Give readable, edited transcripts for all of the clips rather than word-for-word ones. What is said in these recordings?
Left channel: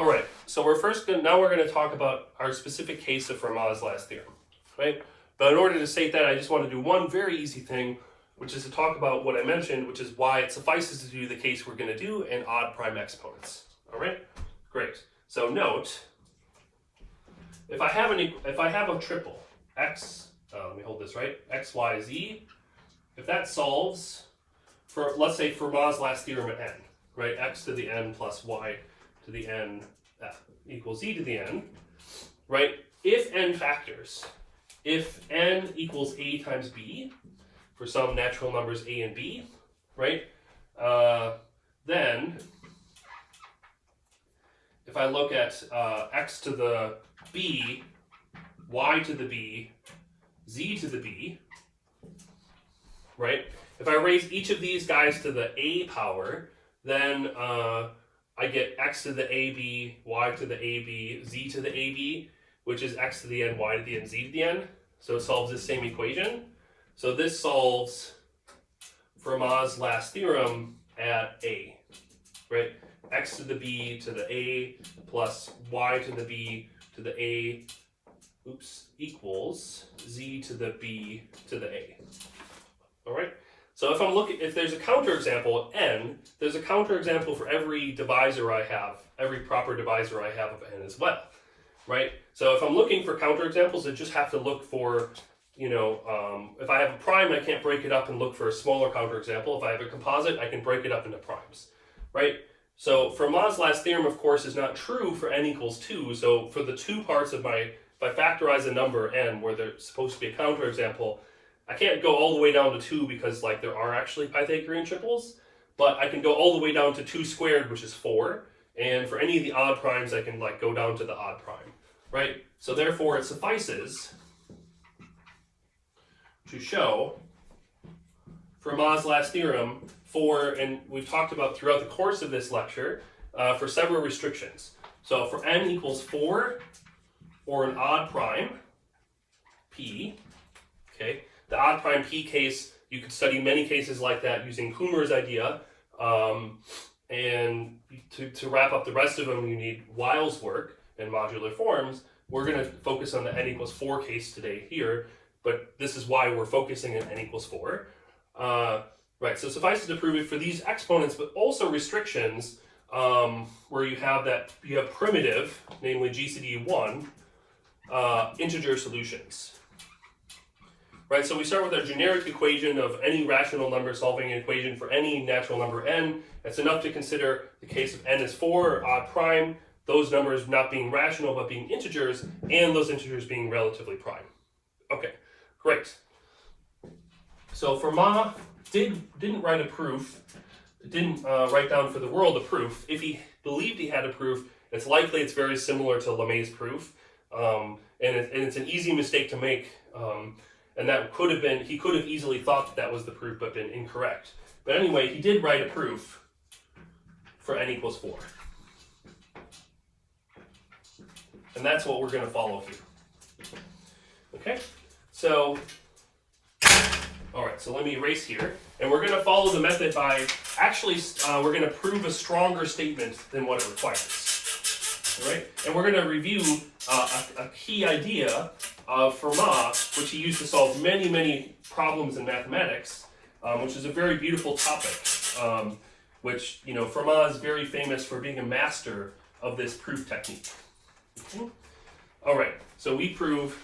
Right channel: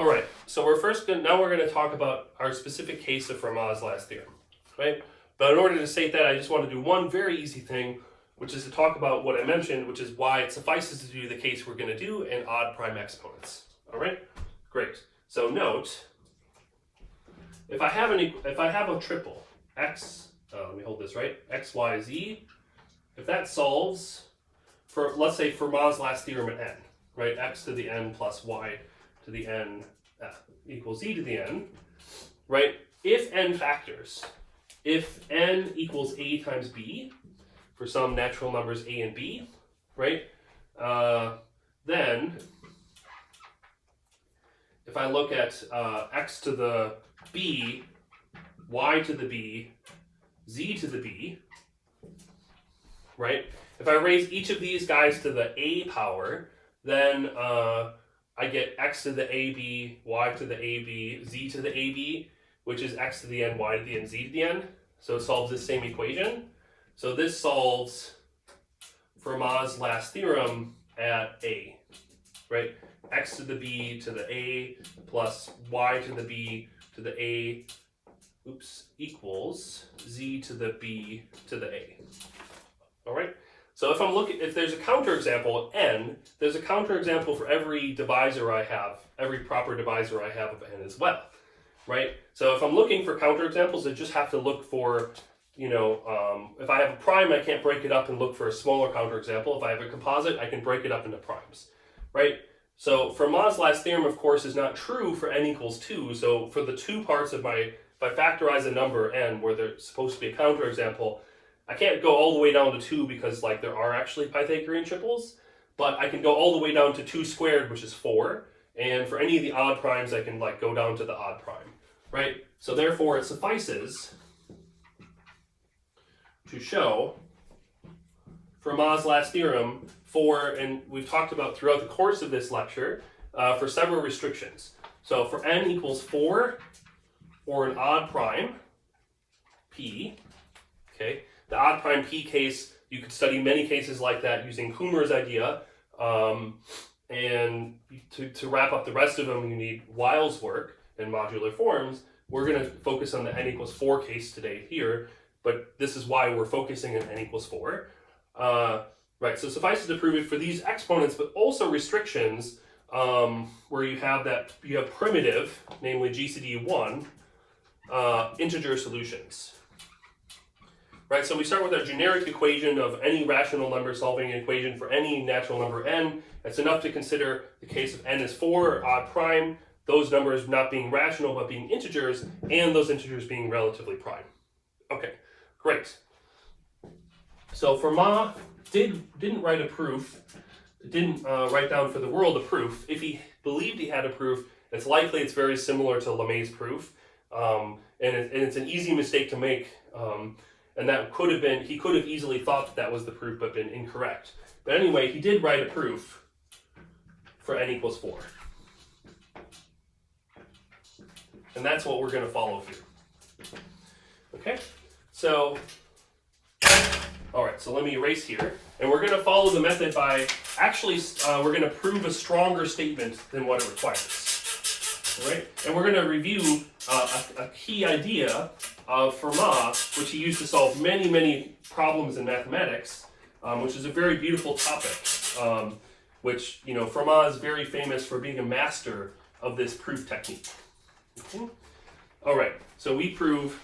All right, so now we're going to talk about our specific case of Fermat's last theorem, right? But in order to state that, I just want to do one very easy thing, which is to talk about what I mentioned, which is why it suffices to do the case we're going to do and odd prime exponents. All right, great. So note, if I have a triple x, let me hold this right, x, y, z. If that solves for, let's say, Fermat's last theorem at n, right? X to the n plus y to the n equals z to the n, right? If n factors, if n equals a times b for some natural numbers a and b, right? Then if I look at x to the b, y to the b, z to the b, right? If I raise each of these guys to the a power, then I get x to the ab, y to the ab, z to the ab, which is x to the n, y to the n, z to the n. So it solves the same equation. So this solves Fermat's last theorem at a, right? X to the b to the a plus y to the b to the a, equals z to the b to the a. All right. So if there's a counterexample n, there's a counterexample for every divisor I have, every proper divisor I have of n as well, right? So if I'm looking for counterexamples, I just have to look for, if I have a prime, I can't break it up and look for a smaller counterexample. If I have a composite, I can break it up into primes, right? So Fermat's last theorem, of course, is not true for n equals 2. So for the two parts of if I factorize a number n where there's supposed to be a counterexample, I can't go all the way down to 2 because there are actually Pythagorean triples, but I can go all the way down to 2 squared, which is 4. And for any of the odd primes, I can go down to the odd prime, right? So therefore, it suffices to show Fermat's last theorem and we've talked about throughout the course of this lecture, for several restrictions. So for n equals 4 or an odd prime, p, okay? The odd prime p case, you could study many cases like that using Kummer's idea. And to wrap up the rest of them, you need Weil's work and modular forms. We're going to focus on the n equals 4 case today here, but this is why we're focusing on n equals 4. Right, so suffices to prove it for these exponents, but also restrictions where you have primitive, namely GCD1, integer solutions. Right, so we start with our generic equation of any rational number solving an equation for any natural number n. It's enough to consider the case of n is 4 or odd prime, those numbers not being rational but being integers, and those integers being relatively prime. Okay, great. So Fermat didn't write a proof, didn't write down for the world a proof. If he believed he had a proof, it's likely it's very similar to Lamé's proof, and it's an easy mistake to make. And that he could have easily thought that was the proof but been incorrect. But anyway, he did write a proof for n equals 4. And that's what we're going to follow here. Okay? So, all right, so let me erase here. And we're going to follow the method by, we're going to prove a stronger statement than what it requires. All right? And we're going to review a key idea of Fermat, which he used to solve many, many problems in mathematics, which is a very beautiful topic, which, Fermat is very famous for being a master of this proof technique. Okay? All right, so we prove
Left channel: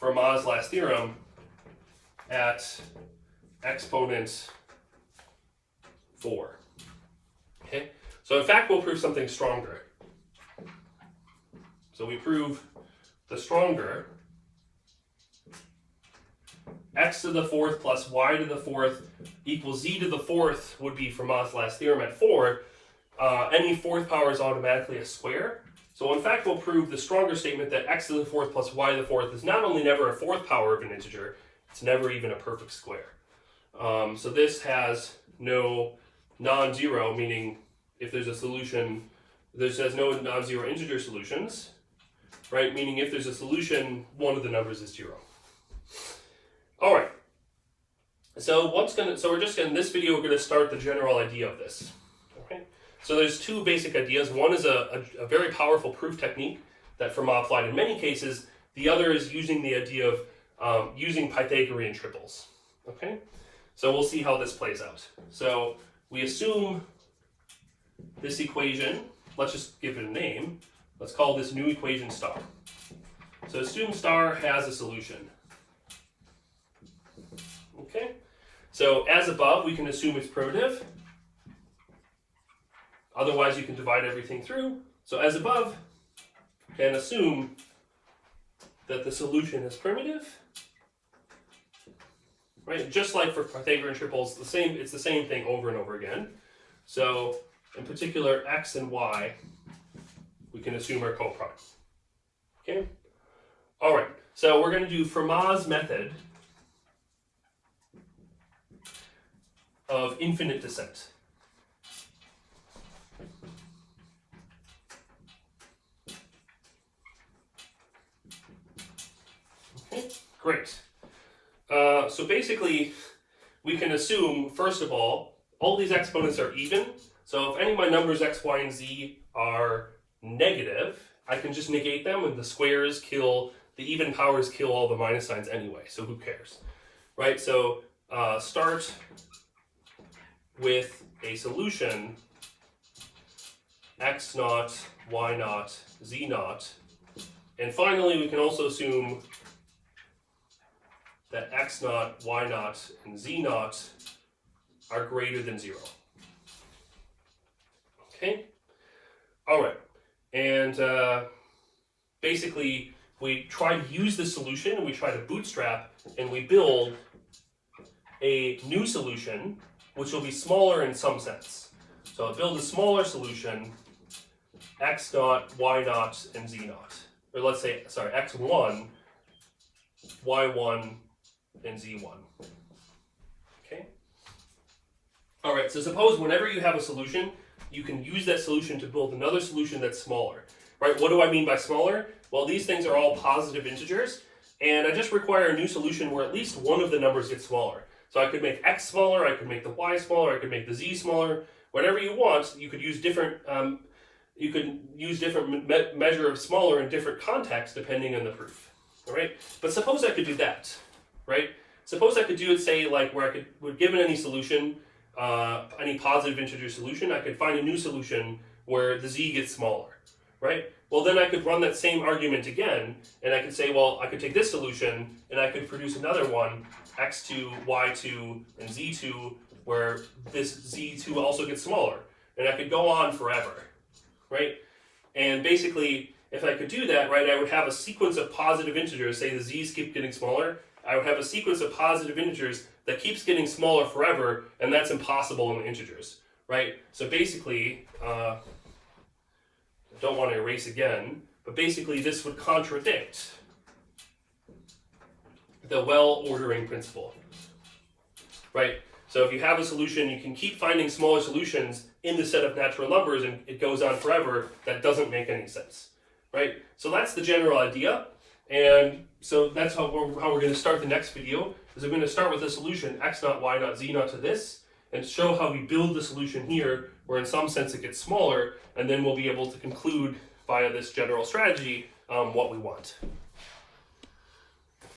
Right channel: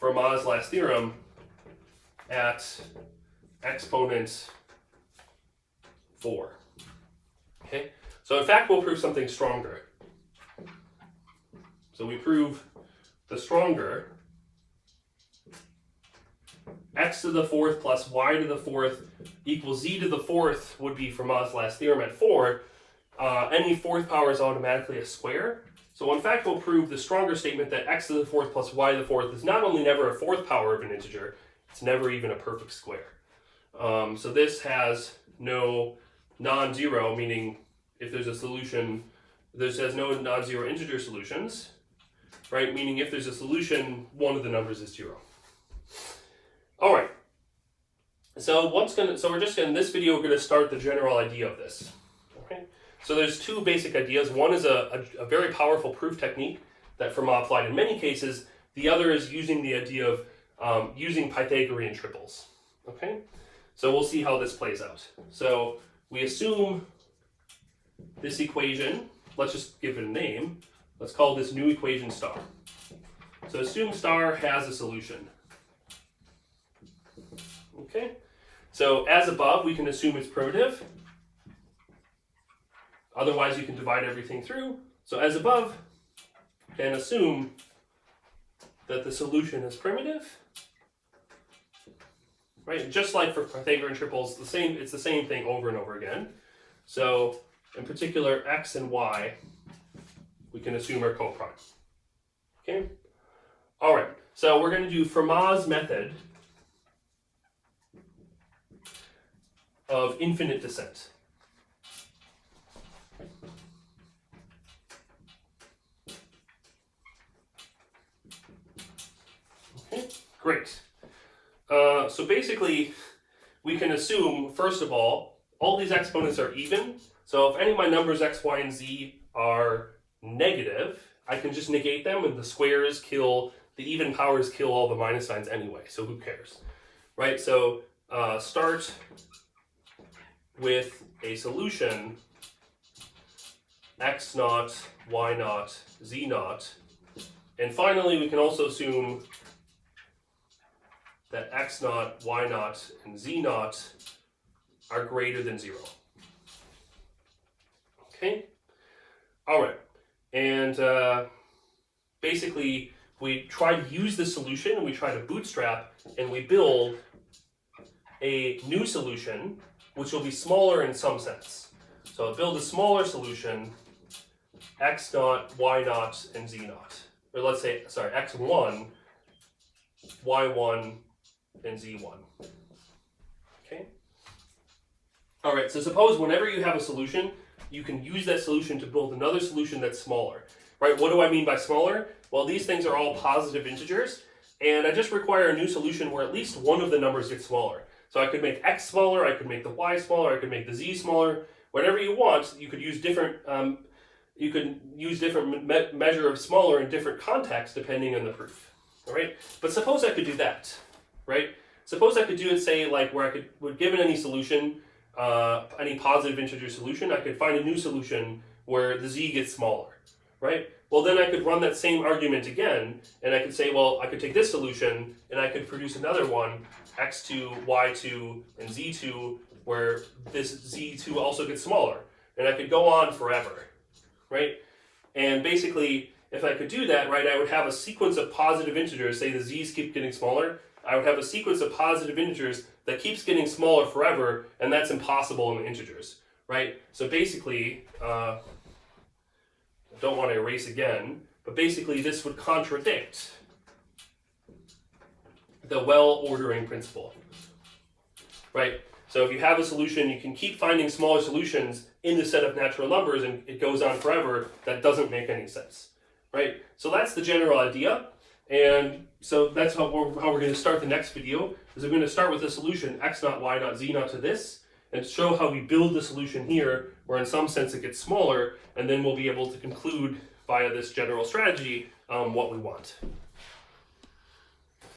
Fermat's last theorem at exponent 4. Okay? So in fact, we'll prove something stronger. So we prove the stronger x to the 4th plus y to the 4th equals z to the 4th would be Fermat's last theorem at 4. Any 4th power is automatically a square. So in fact, we'll prove the stronger statement that x to the 4th plus y to the 4th is not only never a 4th power of an integer, it's never even a perfect square. So this has no non-zero, meaning if there's a solution, this has no non-zero integer solutions, right? Meaning if there's a solution, one of the numbers is 0. All right. So we're just in this video, we're going to start the general idea of this. So there's two basic ideas. One is a very powerful proof technique that Fermat applied in many cases. The other is using the idea of using Pythagorean triples. Okay, so we'll see how this plays out. So we assume this equation, let's just give it a name. Let's call this new equation star. So assume star has a solution. Okay, so as above, we can assume it's primitive. Otherwise, you can divide everything through. So as above, and assume that the solution is primitive. Right, just like for Pythagorean triples, it's the same thing over and over again. So in particular, x and y, we can assume are coprime. Okay. All right. So we're going to do Fermat's method of infinite descent. Okay. Great. So basically, we can assume, first of all these exponents are even. So if any of my numbers x, y, and z are negative, I can just negate them, and the squares kill, the even powers kill all the minus signs anyway, so who cares, right? So start with a solution x naught, y naught, z naught, and finally we can also assume that x naught, y naught, and z naught are greater than 0. Okay? All right. And basically, we try to use the solution, and we try to bootstrap, and we build a new solution, which will be smaller in some sense. So I'll build a smaller solution, x naught, y naught, and z naught. Or let's say, sorry, x1, y1, and z1. Okay? All right, so suppose whenever you have a solution, you can use that solution to build another solution that's smaller. Right, what do I mean by smaller? Well, these things are all positive integers, and I just require a new solution where at least one of the numbers gets smaller. So I could make x smaller, I could make the y smaller, I could make the z smaller. Whatever you want, you could use different measure of smaller in different contexts depending on the proof. All right, but suppose I could do that, right? Suppose I could do it, say, like where I would given any solution, any positive integer solution, I could find a new solution where the z gets smaller, right? Well, then I could run that same argument again, and I could say, well, I could take this solution, and I could produce another one, x2, y2, and z2, where this z2 also gets smaller. And I could go on forever, right? And basically, if I could do that, right, I would have a sequence of positive integers, say the z's keep getting smaller, I would have a sequence of positive integers that keeps getting smaller forever, and that's impossible in the integers, right? So basically, I don't want to erase again, but basically this would contradict the well-ordering principle, right? So if you have a solution, you can keep finding smaller solutions in the set of natural numbers, and it goes on forever. That doesn't make any sense, right? So that's the general idea. And so that's how we're going to start the next video, is we're going to start with the solution x naught, y naught, z naught to this, and show how we build the solution here, where in some sense it gets smaller, and then we'll be able to conclude via this general strategy what we want.